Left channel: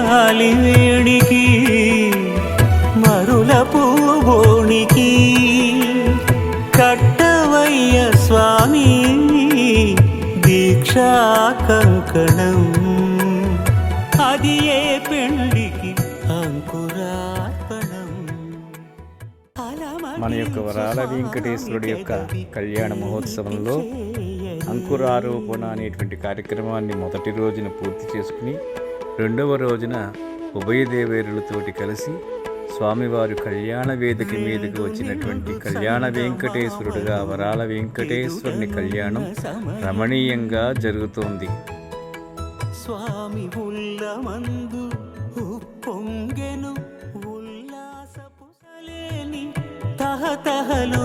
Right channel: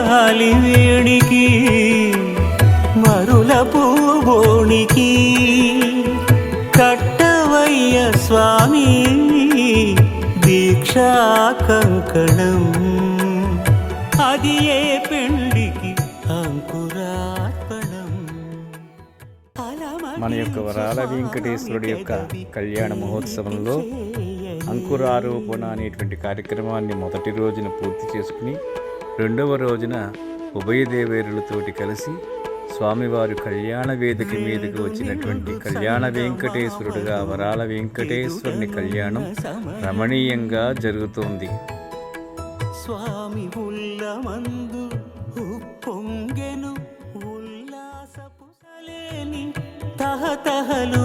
గాలి వేడికి మరుల పూబోణికి. కట్టవయ్య స్వామి దీక్షా కంకణం. అది ఏ పెళ్ళికి అంకురార్పణం. మన యొక్క వరాల వెంకటేశ్వరుడి యొక్క కళ్యాణ మహోత్సవంలో అంకురారోపణ అనేటువంటి కార్యక్రమాన్ని మొదటి రోజున పూర్తి చేసుకుని రెండవ రోజున ఉభయదేవేరులతోటి కలిసి స్వామివారు కళ్యాణ వేదిక మీదకి వచ్చినటువంటి కళ్యాణ వెంకటేశ్వరుడుగా వరాల వెంకటేశ్వరుని కళ్యాణం రమణీయంగా జరుగుతోంది. స్వామి ఉల్లమందు ఉప్పొంగెను ఉల్లాసపు తహతహలు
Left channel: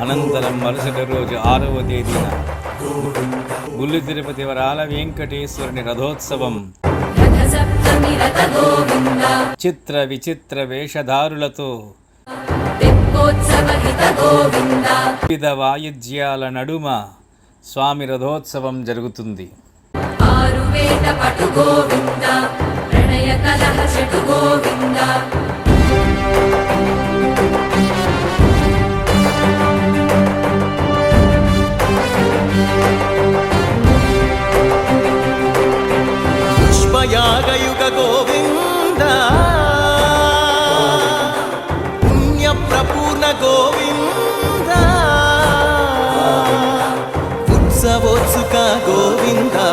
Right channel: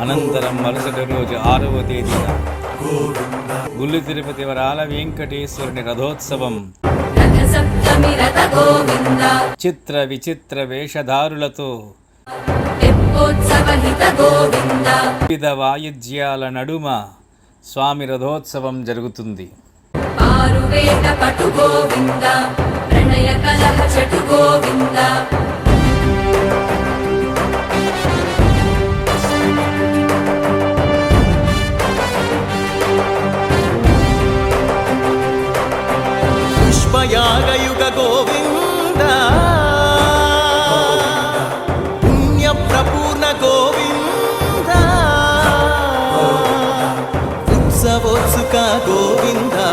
అనంతరం మరుసటి రోజు ఆరవ తేదీన గుళ్ళు తిరుపతి వరాల వెంకటేశ్వరుని రథోత్సవం. చిత్ర విచిత్ర వేషధారులతో వివిధ వాయిద్యాల నడుమ స్వామి రథోత్సవం జరుగుతుంది. ఆరు వేద పటు గోవింద ప్రణయ కలహ చటు గోవింద. యాగయుగ గోవింద. పుణ్య ప్రపూర్ణ గోవింద. ఉత్సవోత్సుక గోవిందా.